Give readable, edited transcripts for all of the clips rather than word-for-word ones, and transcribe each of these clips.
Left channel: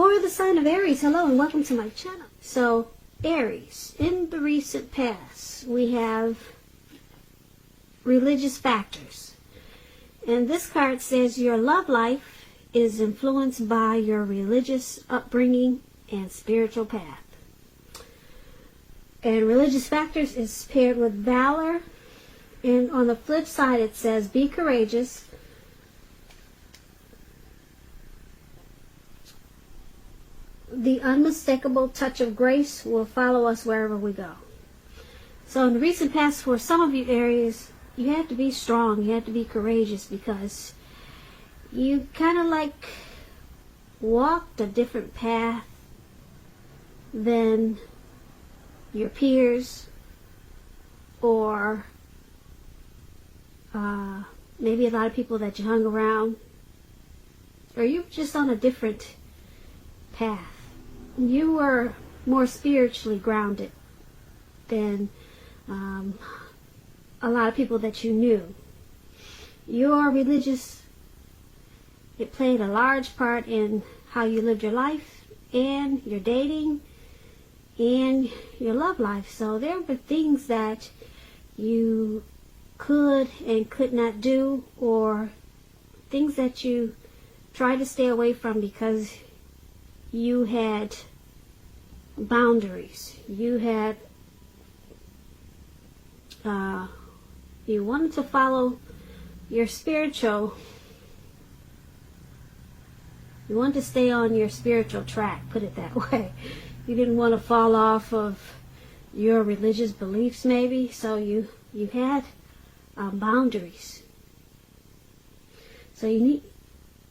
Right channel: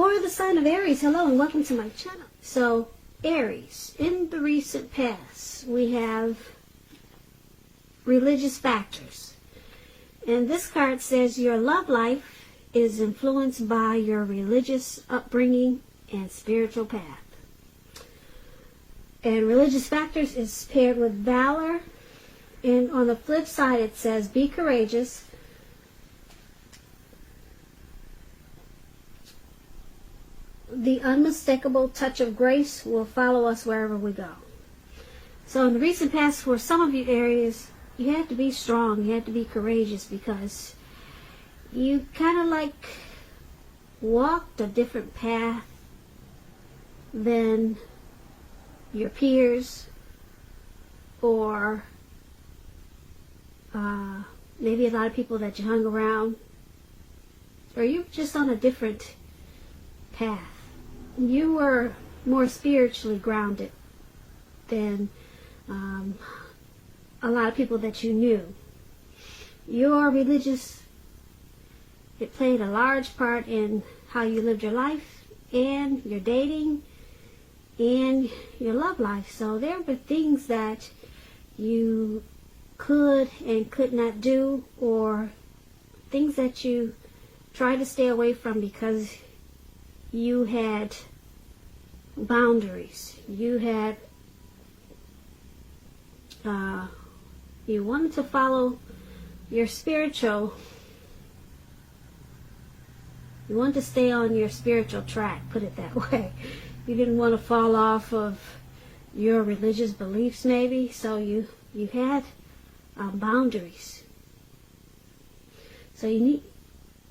For the sign of Aries, hello and welcome to my channel. So, Aries, in the recent past, we have religious factors. And this card says your love life is influenced by your religious upbringing and spiritual path. And religious factors is paired with valor. And on the flip side, it says be courageous. The unmistakable touch of grace will follow us wherever we go. So in the recent past, for some of you Aries, you had to be strong, you had to be courageous, because you kind of like walked a different path than your peers, or maybe a lot of people that you hung around, or you're just on a different path. You were more spiritually grounded than a lot of people that you knew. Your religious, it played a large part in how you lived your life and your dating and your love life. So there were things that you could and could not do, or things that you tried to stay away from because you had boundaries. You had, you wanted to follow your spiritual, you wanted to stay on your spiritual track, put it that way. You didn't want to fall off of your religious beliefs maybe, so you had boundaries. So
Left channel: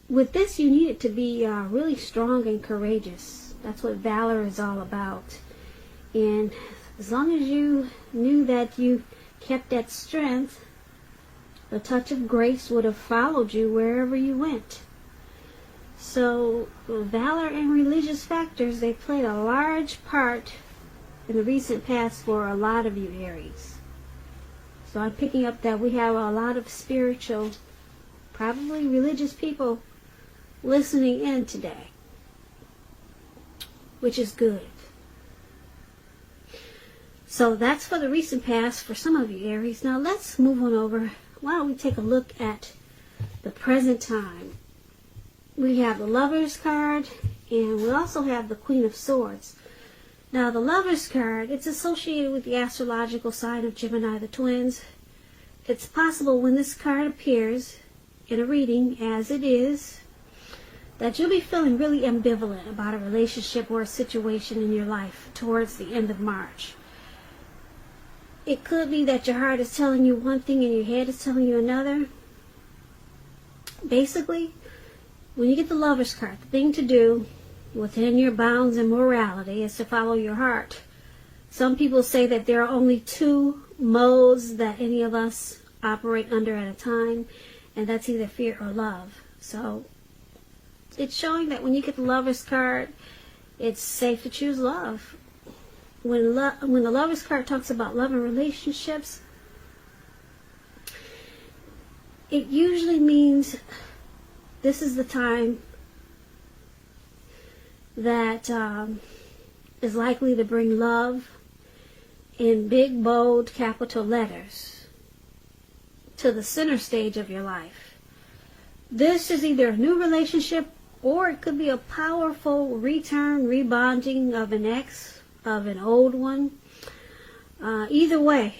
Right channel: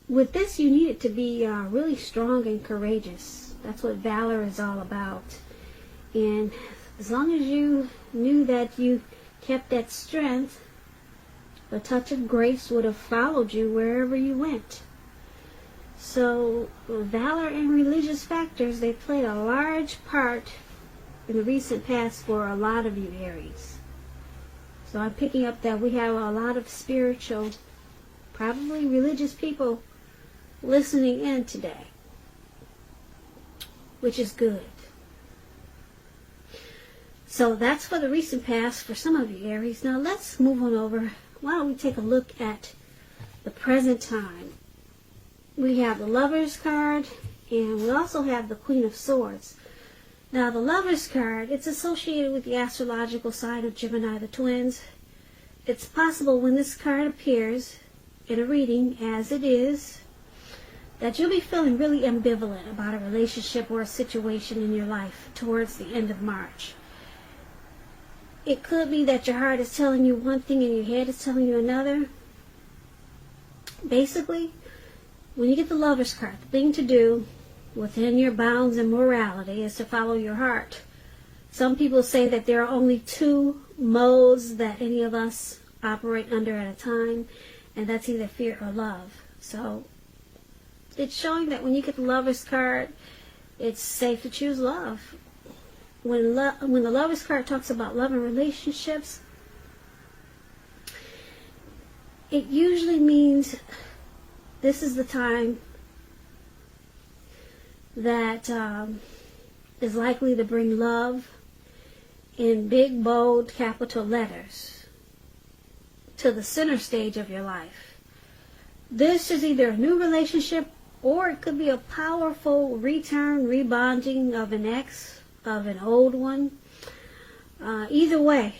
with this, you needed to be really strong and courageous. That's what valor is all about. And as long as you knew that you kept that strength, the touch of grace would have followed you wherever you went. So valor and religious factors, they played a large part in the recent past for a lot of you Aries. So I'm picking up that we have a lot of spiritual, probably religious people listening in today, which is good. So that's for the recent past for some of you Aries. Now let's move on over. Why don't we take a look at the present time? We have the Lovers card, and we also have the Queen of Swords. Now the Lovers card, it's associated with the astrological side of Gemini, the twins. It's possible when this card appears in a reading, as it is, that you'll be feeling really ambivalent about a relationship or a situation in your life towards the end of March. It could be that your heart is telling you one thing and your head is telling you another. Basically, when you get the Lovers card, the thing to do within your bounds and morality is to follow your heart. Some people say that there are only two modes that any of us operate under at a time, and that's either fear or love. So it's showing that when you get the Lovers card, it's safe to choose love. When the Lovers card talks about love and relationships, it usually means this is the time that is likely to bring love in big, bold, capital letters to the center stage of your life. This is either a new relationship, or it could be a powerful return, rebonding of an ex, of an old one. Either way,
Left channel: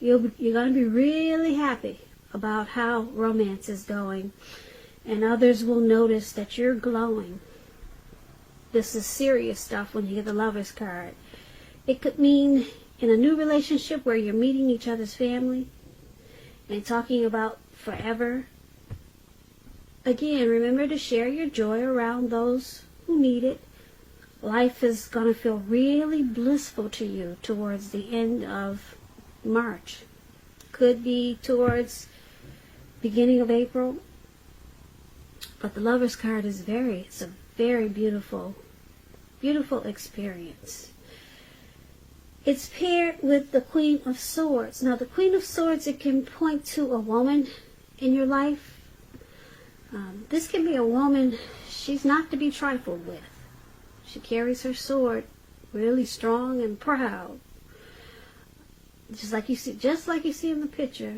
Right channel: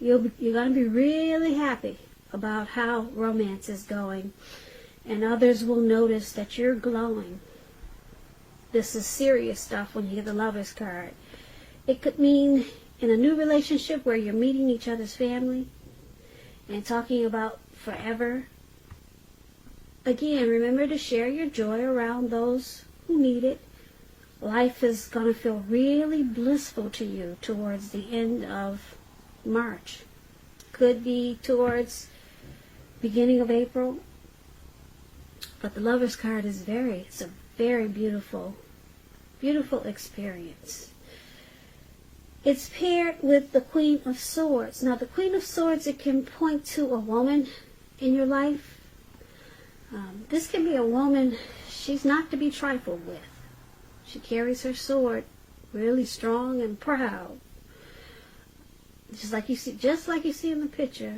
you're going to be really happy about how romance is going, and others will notice that you're glowing. This is serious stuff when you get the Lovers card. It could mean in a new relationship where you're meeting each other's family and talking about forever. Again, remember to share your joy around those who need it. Life is going to feel really blissful to you towards the end of March. Could be towards beginning of April. But the Lovers card is it's a very beautiful, beautiful experience. It's paired with the Queen of Swords. Now the Queen of Swords, it can point to a woman in your life. This can be a woman, she's not to be trifled with. She carries her sword really strong and proud. Just like you see in the picture.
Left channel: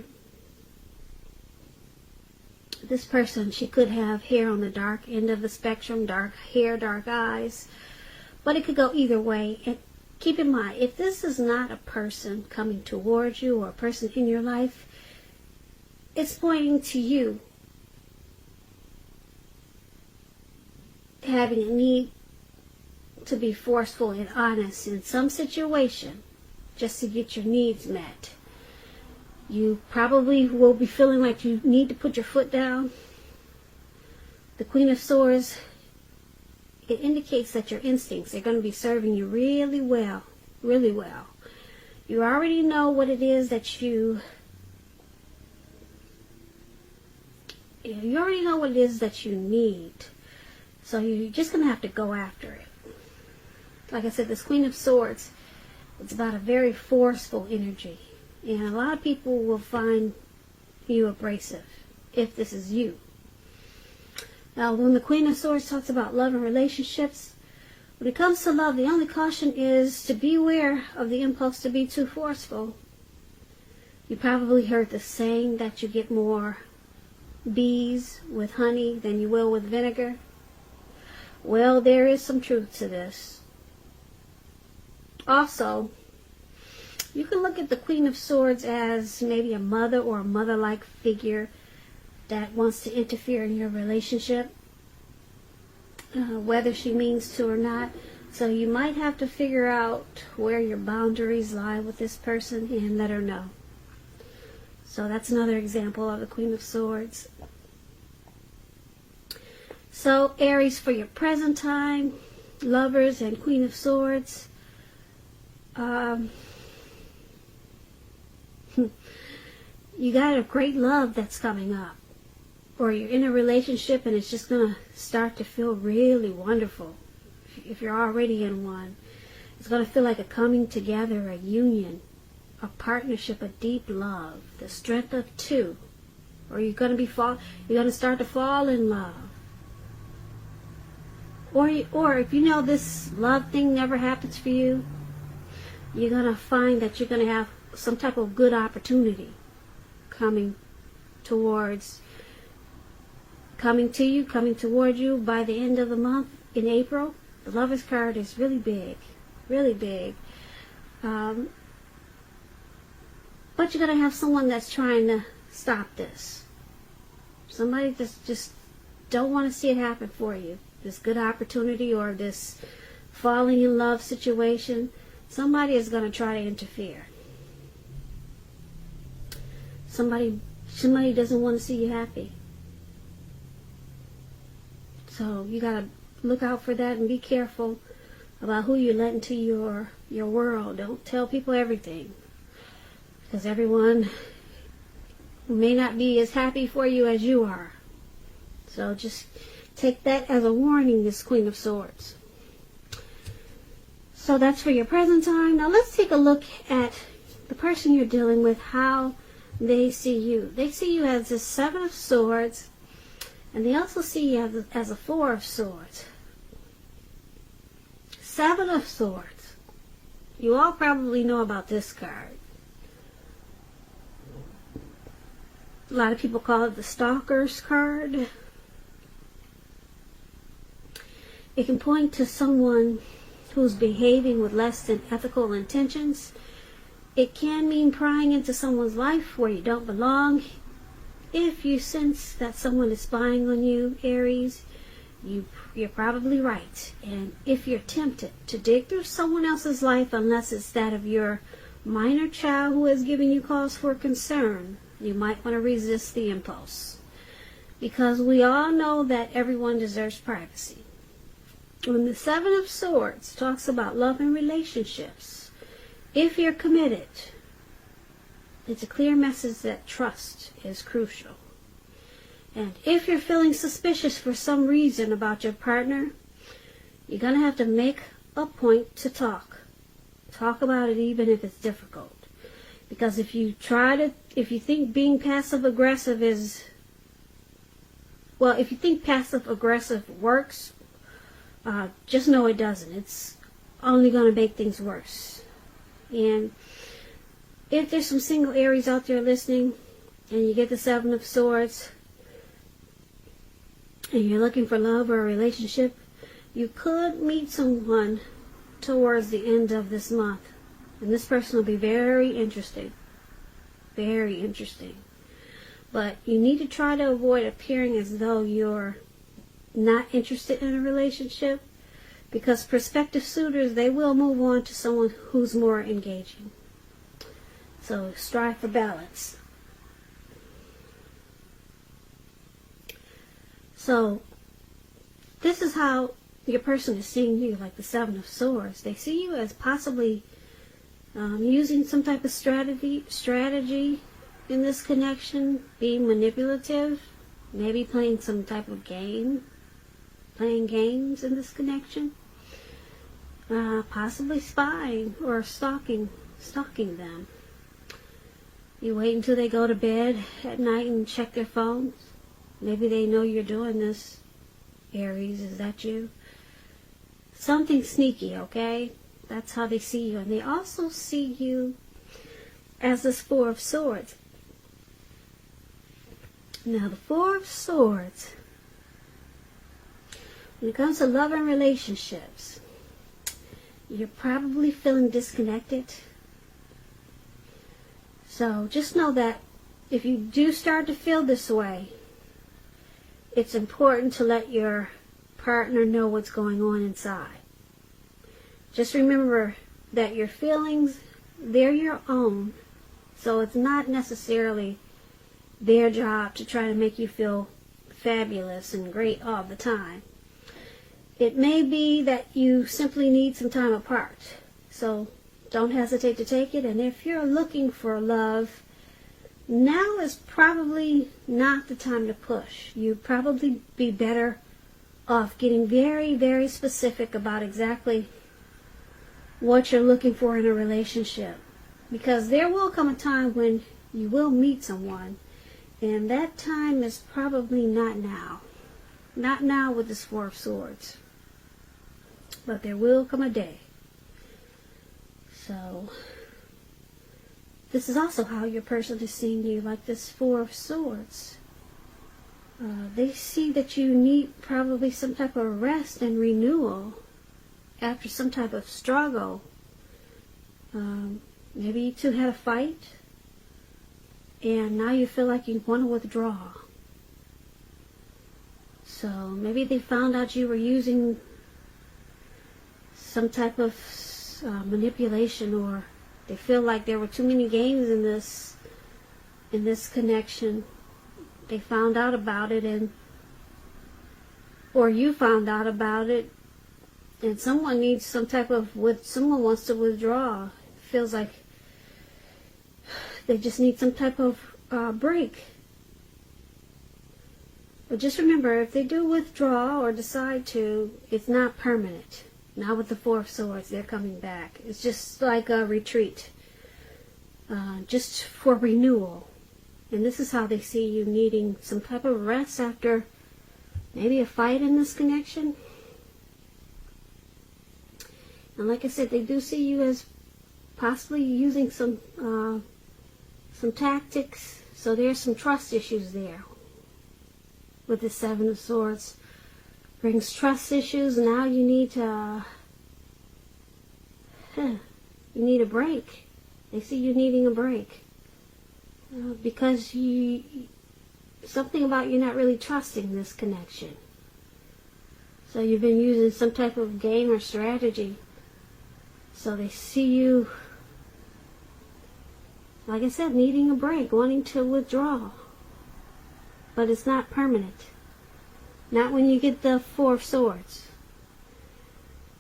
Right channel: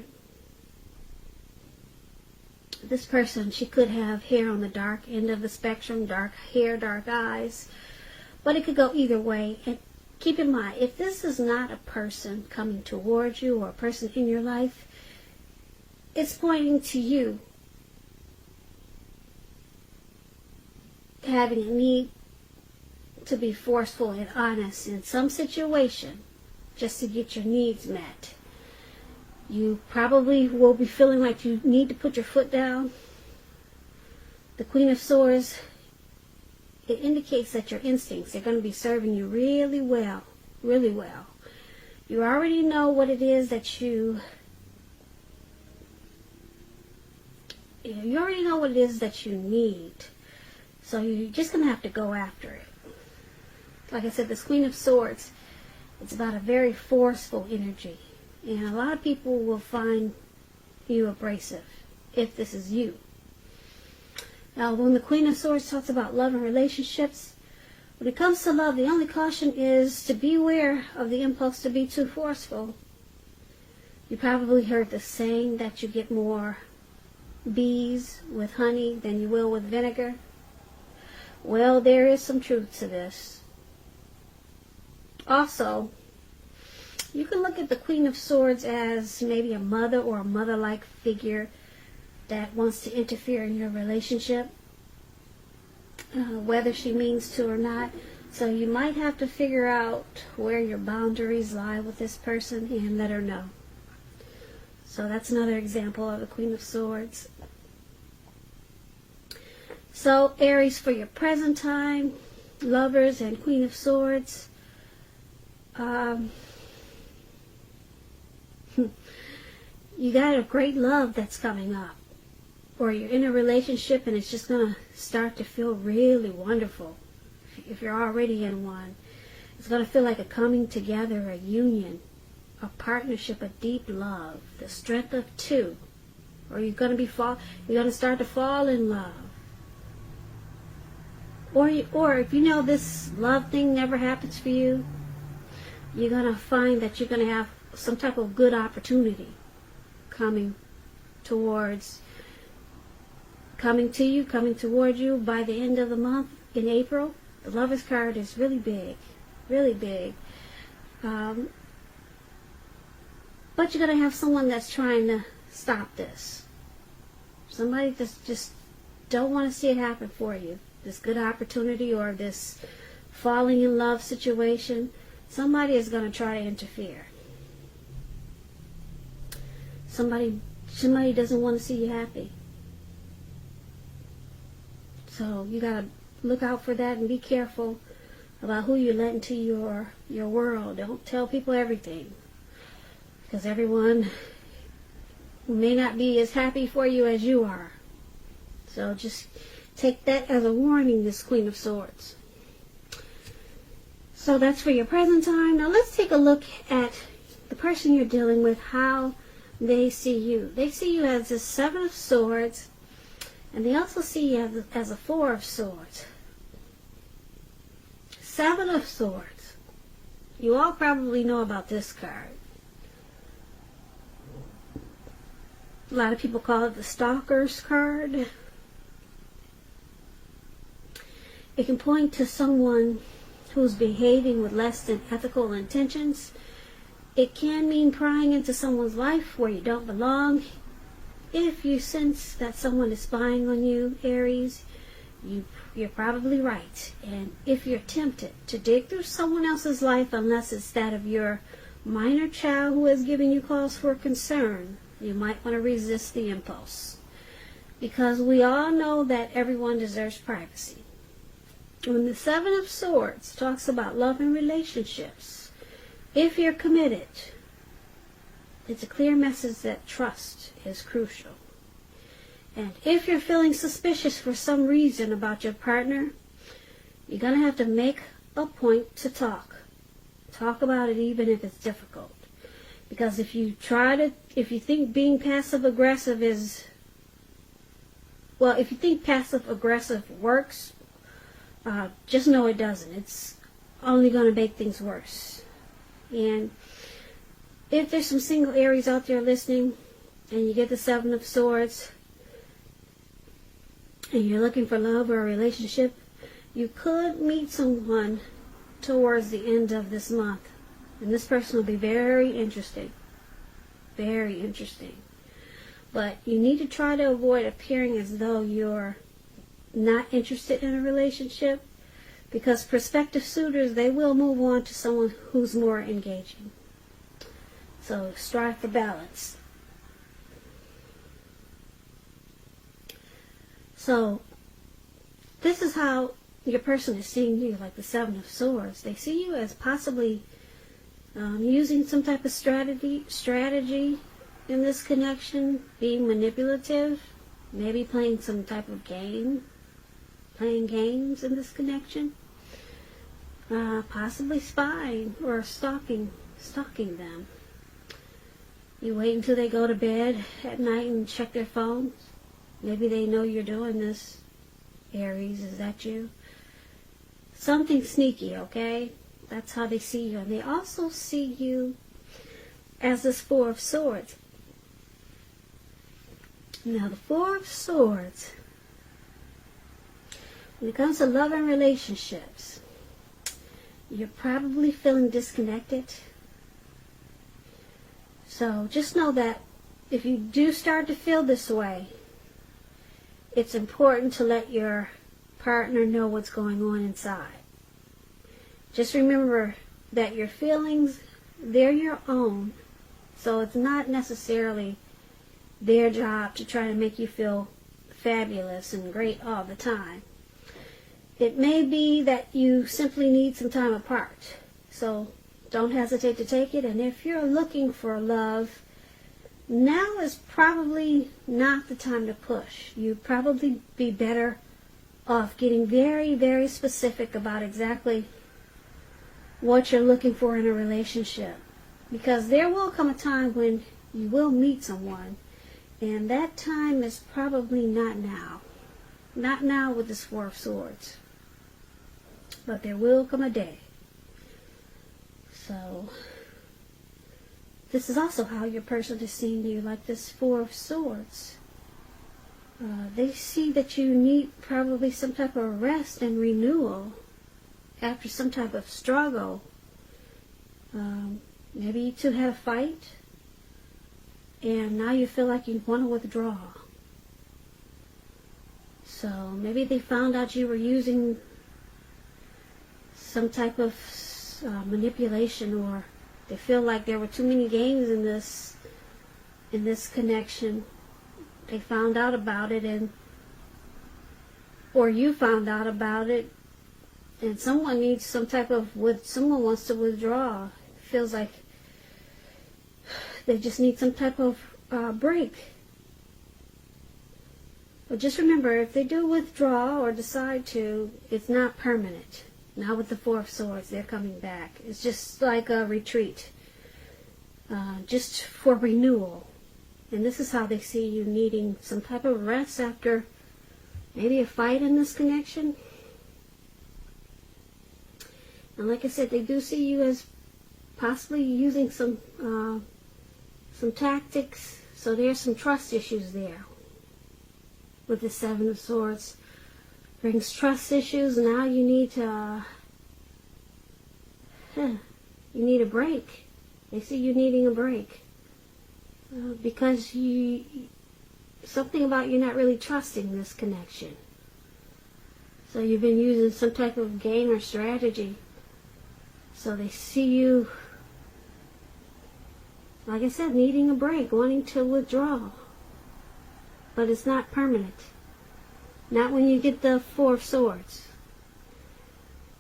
This person, she could have hair on the dark end of the spectrum, dark hair, dark eyes. But it could go either way. And keep in mind, if this is not a person coming towards you or a person in your life, it's pointing to you having a need to be forceful and honest in some situation just to get your needs met. You probably will be feeling like you need to put your foot down. The Queen of Swords, it indicates that your instincts are going to be serving you really well, really well. You already know what it is that you already know what it is that you need. So you're just going to have to go after it. Like I said, this Queen of Swords, it's about a very forceful energy. And a lot of people will find you abrasive if this is you. Now, when the Queen of Swords talks about love and relationships, when it comes to love, the only caution is to beware of the impulse to be too forceful. You probably heard the saying that you get more bees with honey than you will with vinegar. Well, there is some truth to this. Also, you can look at the Queen of Swords as maybe a mother or a mother-like figure that wants to interfere in your relationship, whether she means to or not. So you might have to figure out where your boundaries lie with this person and let her know. So that's another example of the Queen of Swords. So Aries, for your present time, Lovers and Queen of Swords, you got a great love that's coming up, or you're in a relationship and it's just going to start to feel really wonderful. If you're already in one, it's going to feel like a coming together, a union, a partnership of deep love, the strength of two, where you're going to start to fall in love. Or if you know this love thing never happens for you, you're going to find that you're going to have some type of good opportunity coming towards you by the end of the month in April. The Lovers card is really big, really big. But you're going to have someone that's trying to stop this. Somebody just don't want to see it happen for you. This good opportunity or this falling in love situation. Somebody is going to try to interfere. Somebody doesn't want to see you happy. So you got to look out for that and be careful about who you let into your world. Don't tell people everything, because everyone may not be as happy for you as you are. So just take that as a warning, this Queen of Swords. So that's for your present time. Now let's take a look at the person you're dealing with, how they see you. They see you as a Seven of Swords, and they also see you as a Four of Swords. Seven of Swords. You all probably know about this card. A lot of people call it the Stalker's card. It can point to someone who's behaving with less than ethical intentions. It can mean prying into someone's life where you don't belong. If you sense that someone is spying on you, Aries, you're probably right. And if you're tempted to dig through someone else's life, unless it's that of your minor child who is giving you cause for concern, you might want to resist the impulse. Because we all know that everyone deserves privacy. When the Seven of Swords talks about love and relationships, if you're committed, it's a clear message that trust is crucial. And if you're feeling suspicious for some reason about your partner, you're going to have to make a point to talk. Talk about it even if it's difficult. Because if you think being passive-aggressive if you think passive-aggressive works, just know it doesn't. It's only going to make things worse. And if there's some single Aries out there listening, and you get the Seven of Swords, and you're looking for love or a relationship, you could meet someone towards the end of this month. And this person will be very interesting. Very interesting. But you need to try to avoid appearing as though you're not interested in a relationship, because prospective suitors, they will move on to someone who's more engaging. So strive for balance. So this is how your person is seeing you, like the Seven of Swords. They see you as possibly using some type of strategy in this connection, being manipulative, maybe playing some type of game, playing games in this connection, possibly spying or stalking them. You wait until they go to bed at night and check their phones. Maybe they know you're doing this. Aries, is that you? Something sneaky, okay? That's how they see you. And they also see you as this Four of Swords. Now, the Four of Swords, when it comes to love and relationships, you're probably feeling disconnected. So just know that if you do start to feel this way, it's important to let your partner know what's going on inside. Just remember that your feelings, they're your own. So it's not necessarily their job to try to make you feel fabulous and great all the time. It may be that you simply need some time apart. So don't hesitate to take it. And if you're looking for love, now is probably not the time to push. You'd probably be better off getting very, very specific about exactly what you're looking for in a relationship. Because there will come a time when you will meet someone, and that time is probably not now. Not now with this Four of Swords. But there will come a day. So this is also how your person is seeing you, like this Four of Swords. They see that you need probably some type of rest and renewal after some type of struggle. Maybe you two had a fight, and now you feel like you want to withdraw. So maybe they found out you were using some type of manipulation, or they feel like there were too many games in this connection. They found out about it, or you found out about it, and someone needs some type of, someone wants to withdraw. It feels like they just need some type of break. But just remember, if they do withdraw or decide to, it's not permanent. Not with the Four of Swords, they're coming back. It's just like a retreat, just for renewal. And this is how they see you needing some type of rest after maybe a fight in this connection. And like I said, they do see you as possibly using some tactics. So there's some trust issues there. With the Seven of Swords brings trust issues. Now you need to you need a break. They see you needing a break because something about you're not really trusting this connection. So you've been using some type of game or strategy. So they see you, like I said, needing a break, wanting to withdraw. But it's not permanent. Not when you get the Four of Swords.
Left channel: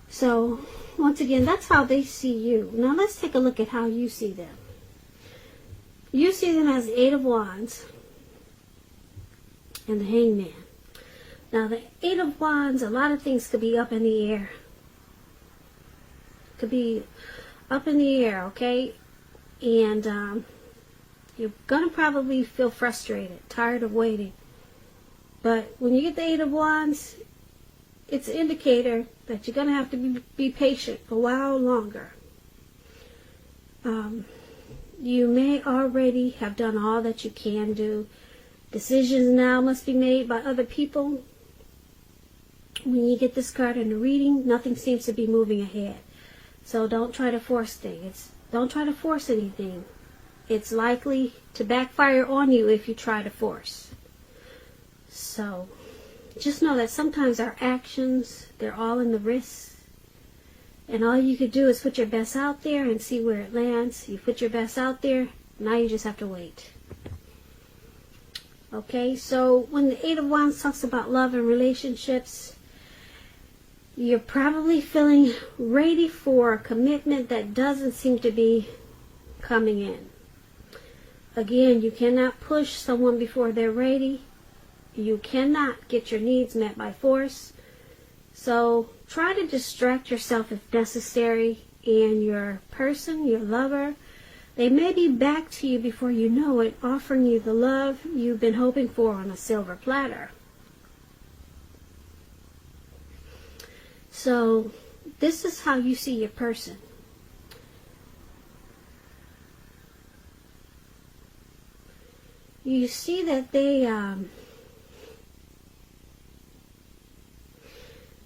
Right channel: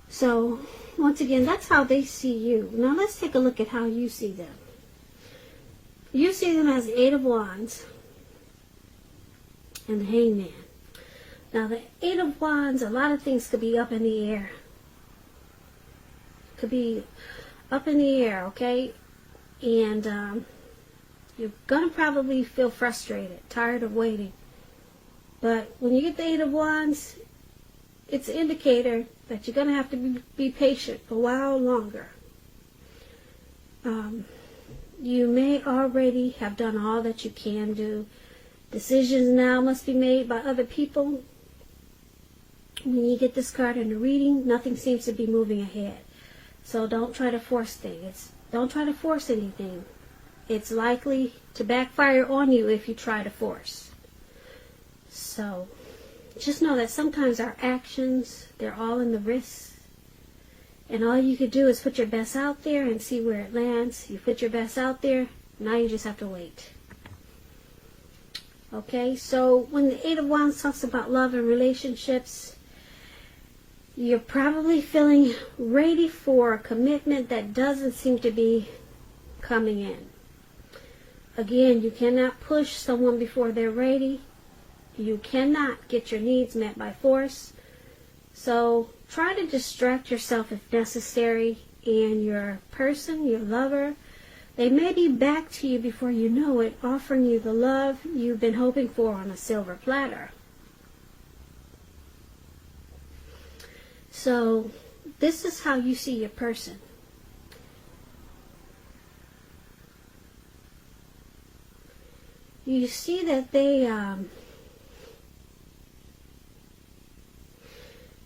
So, once again, that's how they see you. Now let's take a look at how you see them. You see them as the Eight of Wands and the Hangman. Now the Eight of Wands, a lot of things could be up in the air. Could be up in the air, okay? And you're going to probably feel frustrated, tired of waiting. But when you get the Eight of Wands, it's an indicator that you're going to have to be patient a while longer. You may already have done all that you can do. Decisions now must be made by other people. When you get this card in the reading, nothing seems to be moving ahead. So don't try to force things. Don't try to force anything. It's likely to backfire on you if you try to force. So just know that sometimes our actions, they're all in the wrist. And all you can do is put your best out there and see where it lands. You put your best out there, now you just have to wait. Okay, so when the Eight of Wands talks about love and relationships, you're probably feeling ready for a commitment that doesn't seem to be coming in. Again, you cannot push someone before they're ready. You cannot get your needs met by force. So try to distract yourself if necessary, and your person, your lover, they may be back to you before you know it, offering you the love you've been hoping for on a silver platter. So this is how you see your person. You see that they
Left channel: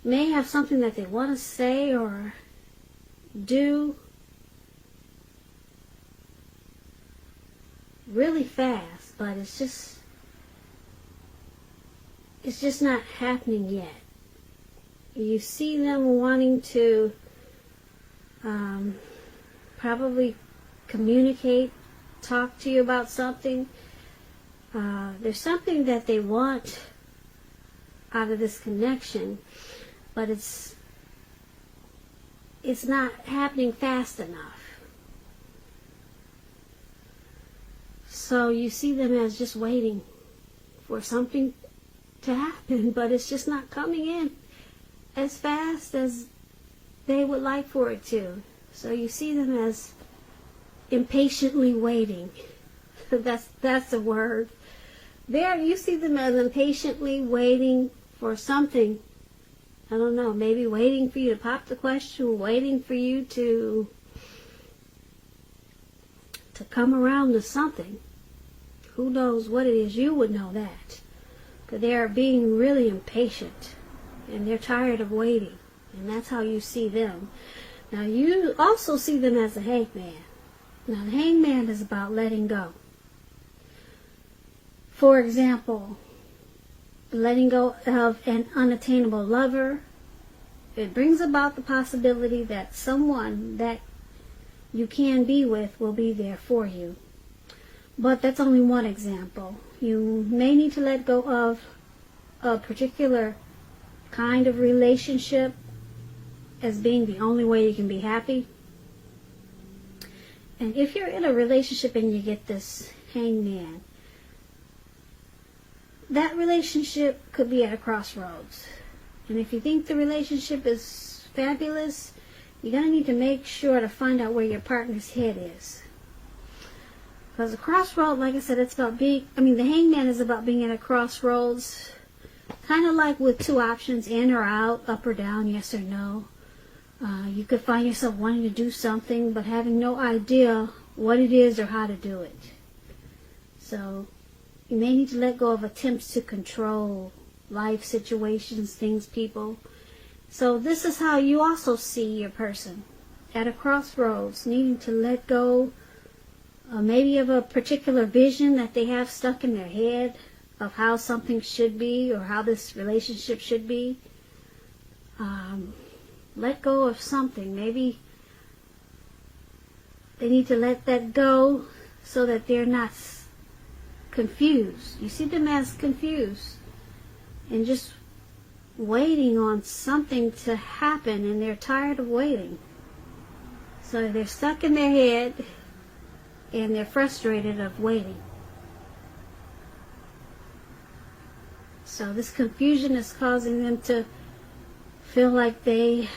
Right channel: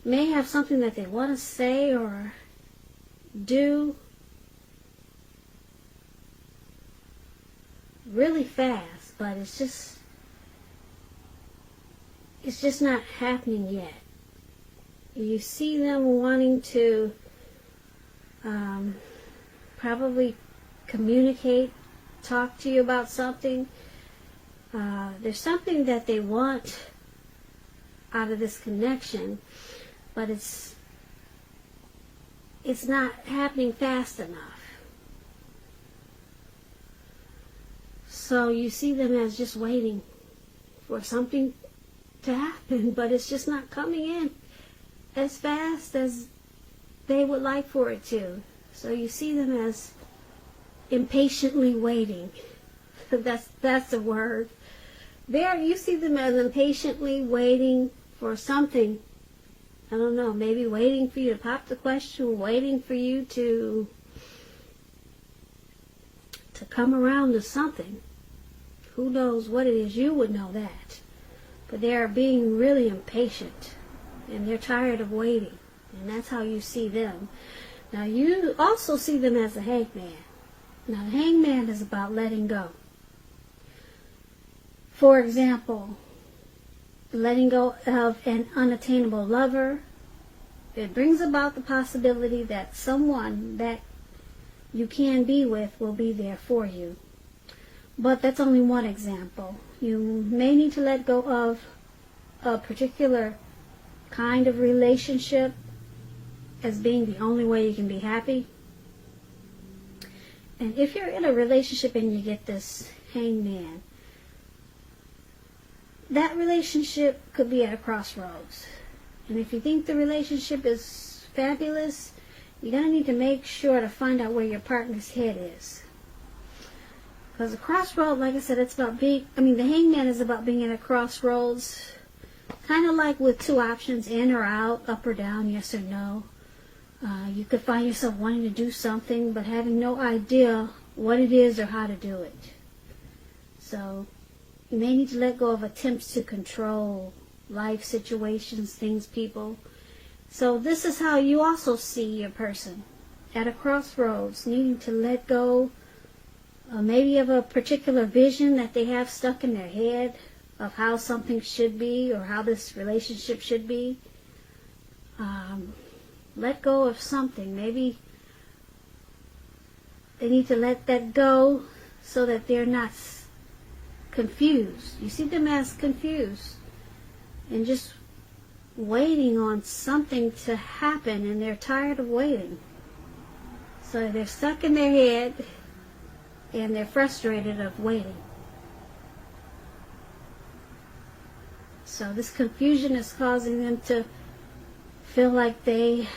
may have something that they want to say or do really fast, but it's just not happening yet. You see them wanting to probably communicate, talk to you about something. There's something that they want out of this connection, but it's not happening fast enough. So you see them as just waiting for something to happen, but it's just not coming in as fast as they would like for it to. So you see them as impatiently waiting. That's the word. There, you see them as impatiently waiting for something. I don't know, maybe waiting for you to pop the question, waiting for you to come around to something. Who knows what it is? You would know that. But they are being really impatient, and they're tired of waiting. And that's how you see them. Now, you also see them as a hangman. Now, the hangman is about letting go. For example, letting go of an unattainable lover. It brings about the possibility that someone that you can be with will be there for you. But that's only one example. You may need to let go of a particular kind of relationship as being the only way you can be happy. And if you're in a relationship and you get this hangman, that relationship could be at a crossroads. And if you think the relationship is fabulous, you're going to need to make sure to find out where your partner's head is. Because the crossroads, like I said, it's about the hangman is about being at a crossroads, kind of like with two options, in or out, up or down, yes or no. You could find yourself wanting to do something, but having no idea what it is or how to do it. So you may need to let go of attempts to control life situations, things, people. So this is how you also see your person, at a crossroads, needing to let go maybe of a particular vision that they have stuck in their head of how something should be or how this relationship should be. Let go of something. Maybe they need to let that go so that they're not confused. You see them as confused and just waiting on something to happen, and they're tired of waiting. So they're stuck in their head and they're frustrated of waiting. So this confusion is causing them to feel like they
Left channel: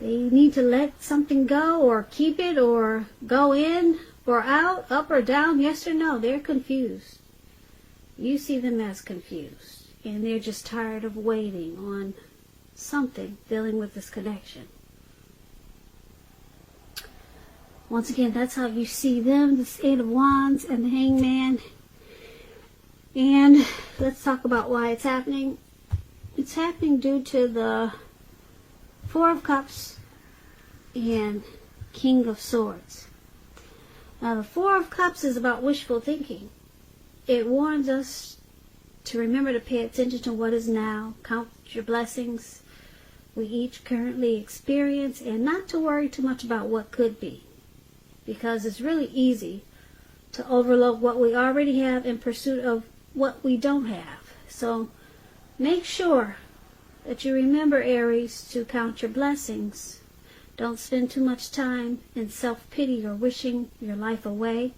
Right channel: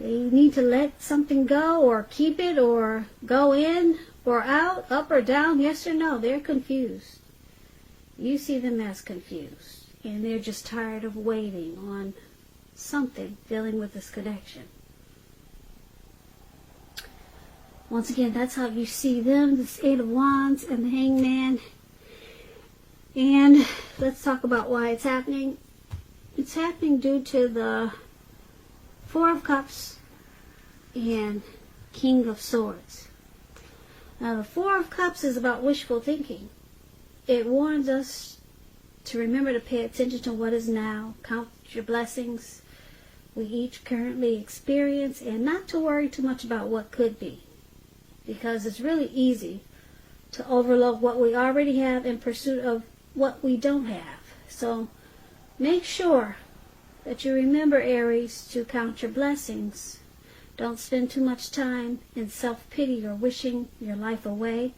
need to let something go, or keep it, or go in or out, up or down, yes or no. They're confused. You see them as confused. and they're just tired of waiting on something dealing with this connection. Once again, that's how you see them, the Eight of Wands and the Hangman. And let's talk about why it's happening. It's happening due to the Four of Cups and King of Swords. Now, the Four of Cups is about wishful thinking. It warns us to remember to pay attention to what is now, count your blessings we each currently experience, and not to worry too much about what could be. Because it's really easy to overlook what we already have in pursuit of what we don't have. So make sure that you remember, Aries, to count your blessings. Don't spend too much time in self-pity or wishing your life away,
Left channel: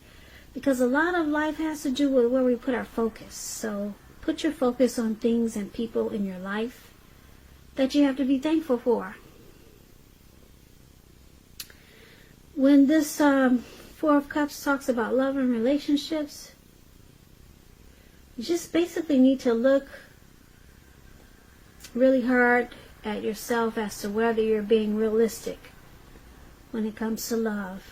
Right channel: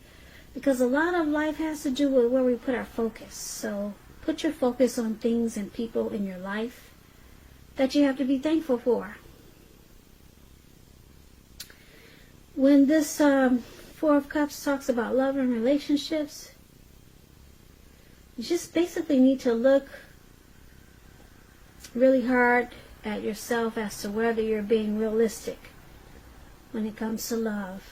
because a lot of life has to do with where we put our focus. So put your focus on things and people in your life that you have to be thankful for. When this Four of Cups talks about love and relationships, you just basically need to look really hard at yourself as to whether you're being realistic when it comes to love.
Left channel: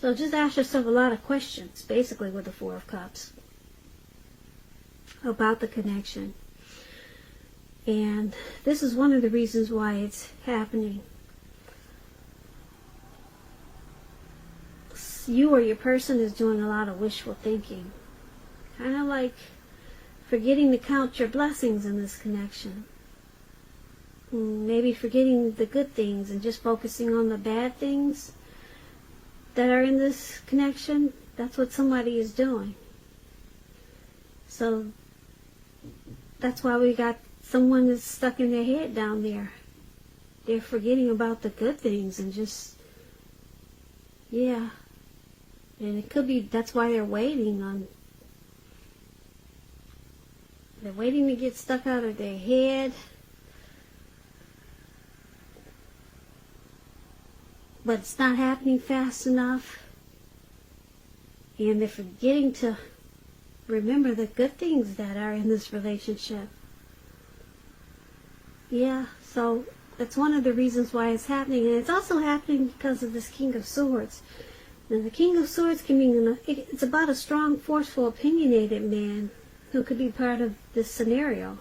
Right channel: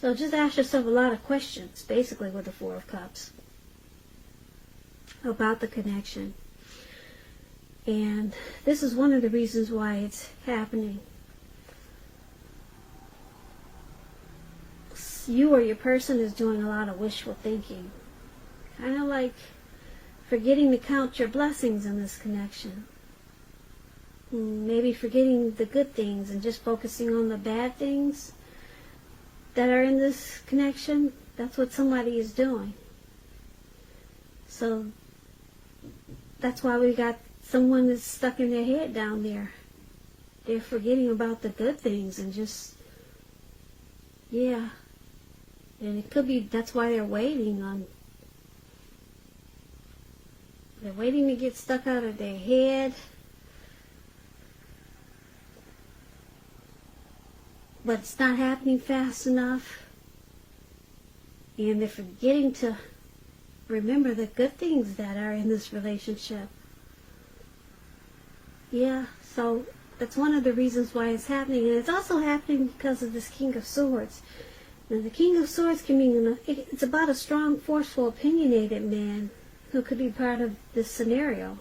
So just ask yourself a lot of questions, basically, with the Four of Cups about the connection. And this is one of the reasons why it's happening. You or your person is doing a lot of wishful thinking. Kind of like forgetting to count your blessings in this connection. Maybe forgetting the good things and just focusing on the bad things that are in this connection. That's what somebody is doing. So that's why we got someone that's stuck in their head down there. They're forgetting about the good things and just, yeah. And it could be that's why they're waiting to get stuck out of their head. But it's not happening fast enough. And they're forgetting to remember the good things that are in this relationship. Yeah, so that's one of the reasons why it's happening. And it's also happening because of this King of Swords. And the King of Swords can mean, it's about a strong, forceful, opinionated man who could be part of this scenario.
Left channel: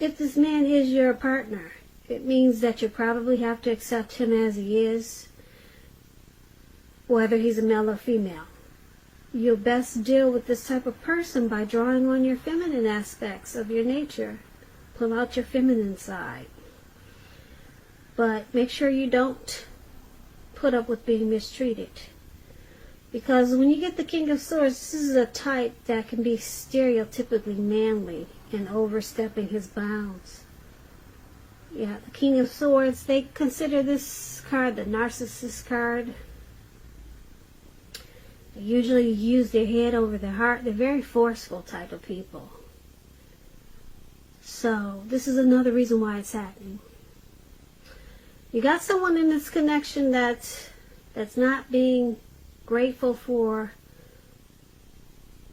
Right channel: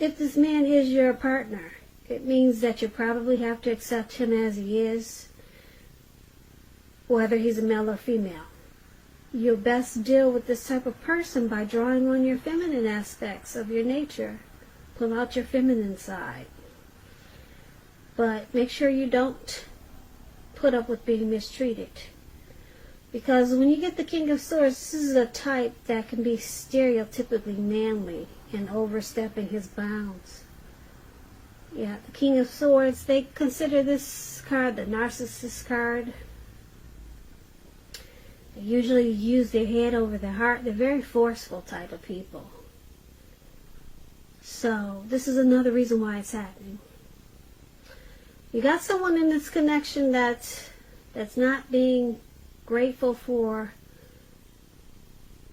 If this man is your partner, it means that you probably have to accept him as he is, whether he's a male or female. You'll best deal with this type of person by drawing on your feminine aspects of your nature. Pull out your feminine side. But make sure you don't put up with being mistreated. Because when you get the King of Swords, this is a type that can be stereotypically manly and overstepping his bounds. Yeah, the King of Swords, they consider this card the narcissist card. They usually use their head over their heart. They're very forceful type of people. So, this is another reason why it's happening. You got someone in this connection that's not being grateful for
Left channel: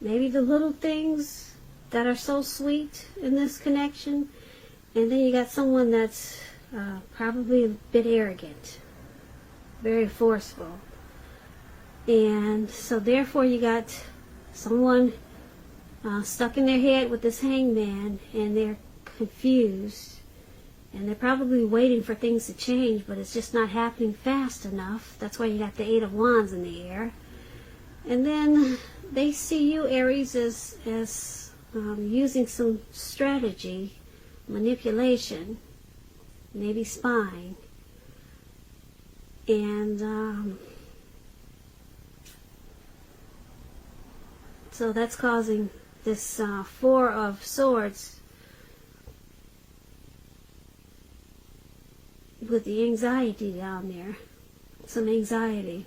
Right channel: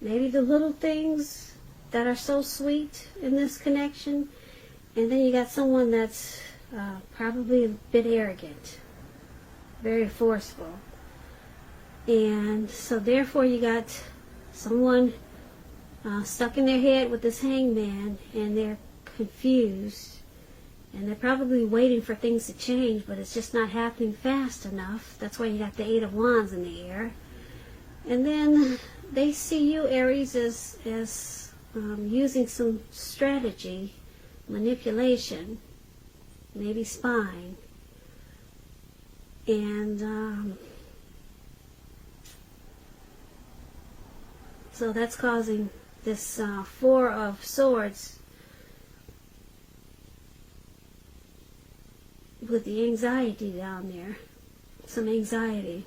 maybe the little things that are so sweet in this connection. And then you got someone that's probably a bit arrogant, very forceful. And so therefore you got someone stuck in their head with this hangman, and they're confused. And they're probably waiting for things to change, but it's just not happening fast enough. That's why you got the Eight of Wands in the air. And then they see you, Aries, as using some strategy, manipulation, maybe spying. And so that's causing this Four of Swords with the anxiety down there. Some anxiety.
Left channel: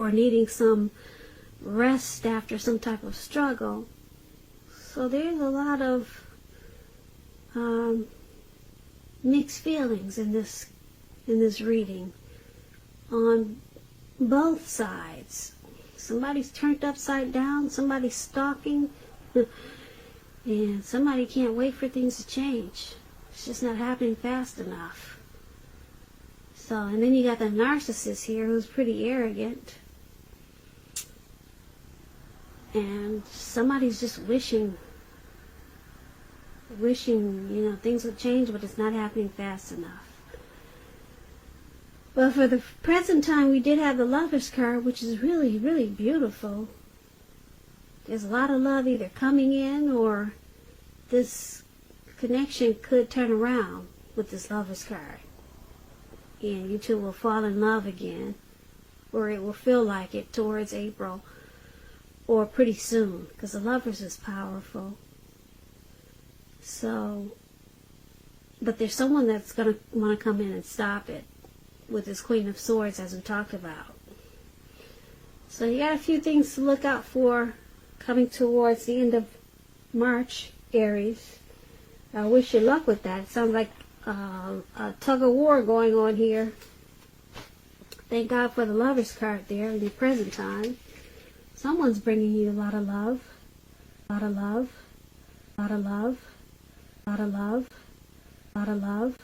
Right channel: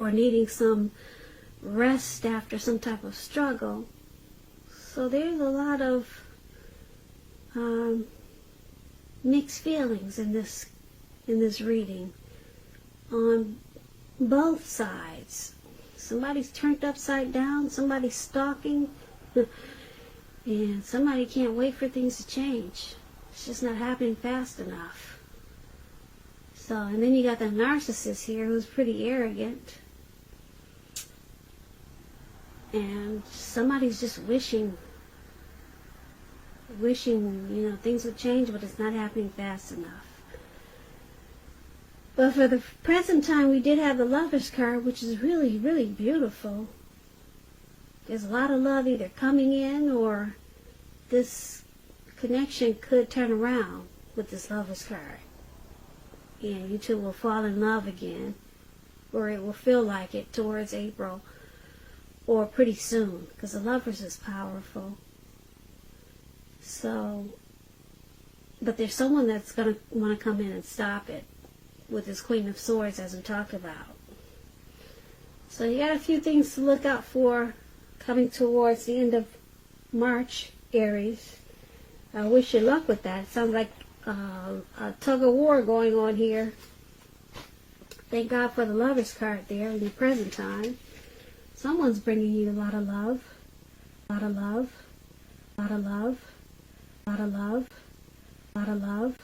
Or needing some rest after some type of struggle. So there's a lot of mixed feelings in this reading on both sides. Somebody's turned upside down, somebody's stalking, and somebody can't wait for things to change. It's just not happening fast enough. So, and then you got the narcissist here who's pretty arrogant. And somebody's just wishing, things have changed, but it's not happening fast enough. But for the present time, we did have the Lover's card, which is really, really beautiful. There's a lot of love either coming in, or this connection could turn around with this Lover's card. And you two will fall in love again, or it will feel like it towards April, or pretty soon, because the Lovers is powerful. So, but there's someone that's going to want to come in and stop it with this Queen of Swords, as we talk about. So you got a few things to look out for coming towards the end of March, Aries. I wish you luck with that. It sounds like a tug of war going on here. Thank God for the Lover's card there in the present time. Someone's bringing you a lot of love, a lot of love, a lot of love, a lot of love, a lot of love,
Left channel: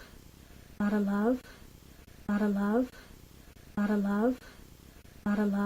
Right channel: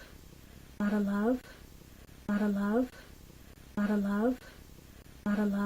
a lot of love, a lot of love, a lot of love, a lot of love.